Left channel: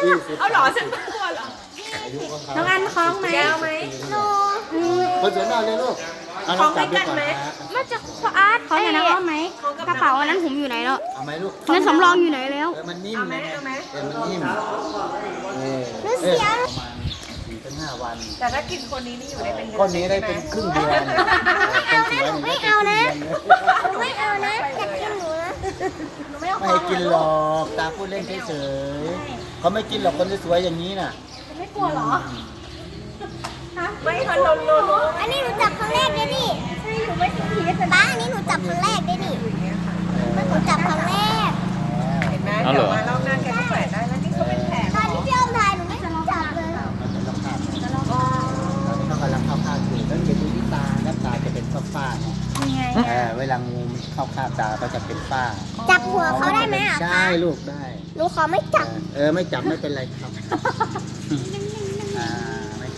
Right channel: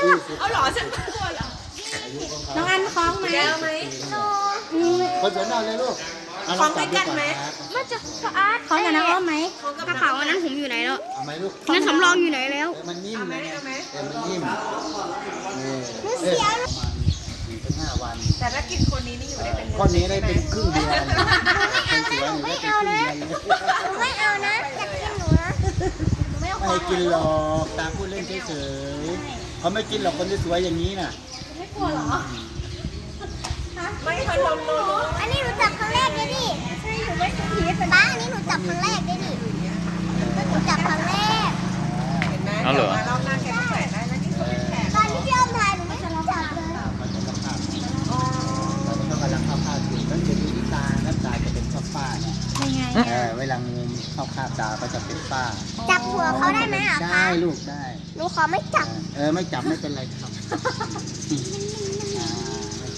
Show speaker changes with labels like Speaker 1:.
Speaker 1: เอาหรอฉันไม่กลัวหรอ
Speaker 2: อายุของเขา
Speaker 3: น้องอันคล้องไหม
Speaker 1: แก้วไหม
Speaker 2: คนสวยมากเลยลูกเอาลองจับดูก่อนครับ
Speaker 4: มาจากพระอาร์ต
Speaker 3: คล้องกับน้องอ้อมไหม
Speaker 4: กระเป๋าอันนั้นผมอยู่ไหนแล้ว
Speaker 2: เอาไหมลูก
Speaker 4: นั่นสำรองอยู่ไหนแล้ว
Speaker 2: มันนิ่มนะมันนิ่มประมาณ4-5 วัน
Speaker 1: แต่ถ้ากินคนนี้นี่อยู่ได้เป็นเดือน
Speaker 2: ข้อนี้ได้เป็นครึ่งเดือนคนสวยนี่ได้เป็นครึ่งเดือน
Speaker 4: ไม่เอานะอยากกินหนูนะหนูไม่เอา
Speaker 2: ไม่กินหรอกตาพูดเล่นเฉยๆเขาไม่กินหรอกคนที่สวยอย่างนี้น่ะ
Speaker 3: ไม่กลัวเหรอ
Speaker 1: ไม่ทันเราโล
Speaker 4: อันนี้หนูจับครั้งแรกเลยดิใช่หนูไม่เคยเห็นป้าอันนี้หนูจับครั้งแรกเลยดิหนูจับครั้งแรก
Speaker 1: เห็นไหมเดี๋ยวมารอบหน้าแกก็แขวนได้แล้วนี่เขาเป็นแผล
Speaker 4: ตอนที่พี่อ้อมถ่ายหนูไม่จับเลย
Speaker 2: มันจะรับภาพ
Speaker 1: อ๋อ
Speaker 2: เขากำลังเข้าภาพอยู่ต้องไปดูที่ตาแล้วตาจะเป็นฝ้าๆเนี่ย
Speaker 3: ยังไง
Speaker 2: เวลางูเข้าคาบตาก็จะเป็นฝ้า
Speaker 4: จับหัวเขาได้ไหมอ่ะ
Speaker 2: ได้ลูกได้
Speaker 4: หนูขอไม่จับ
Speaker 2: ไม่จับไม่เป็นไรครับ
Speaker 4: น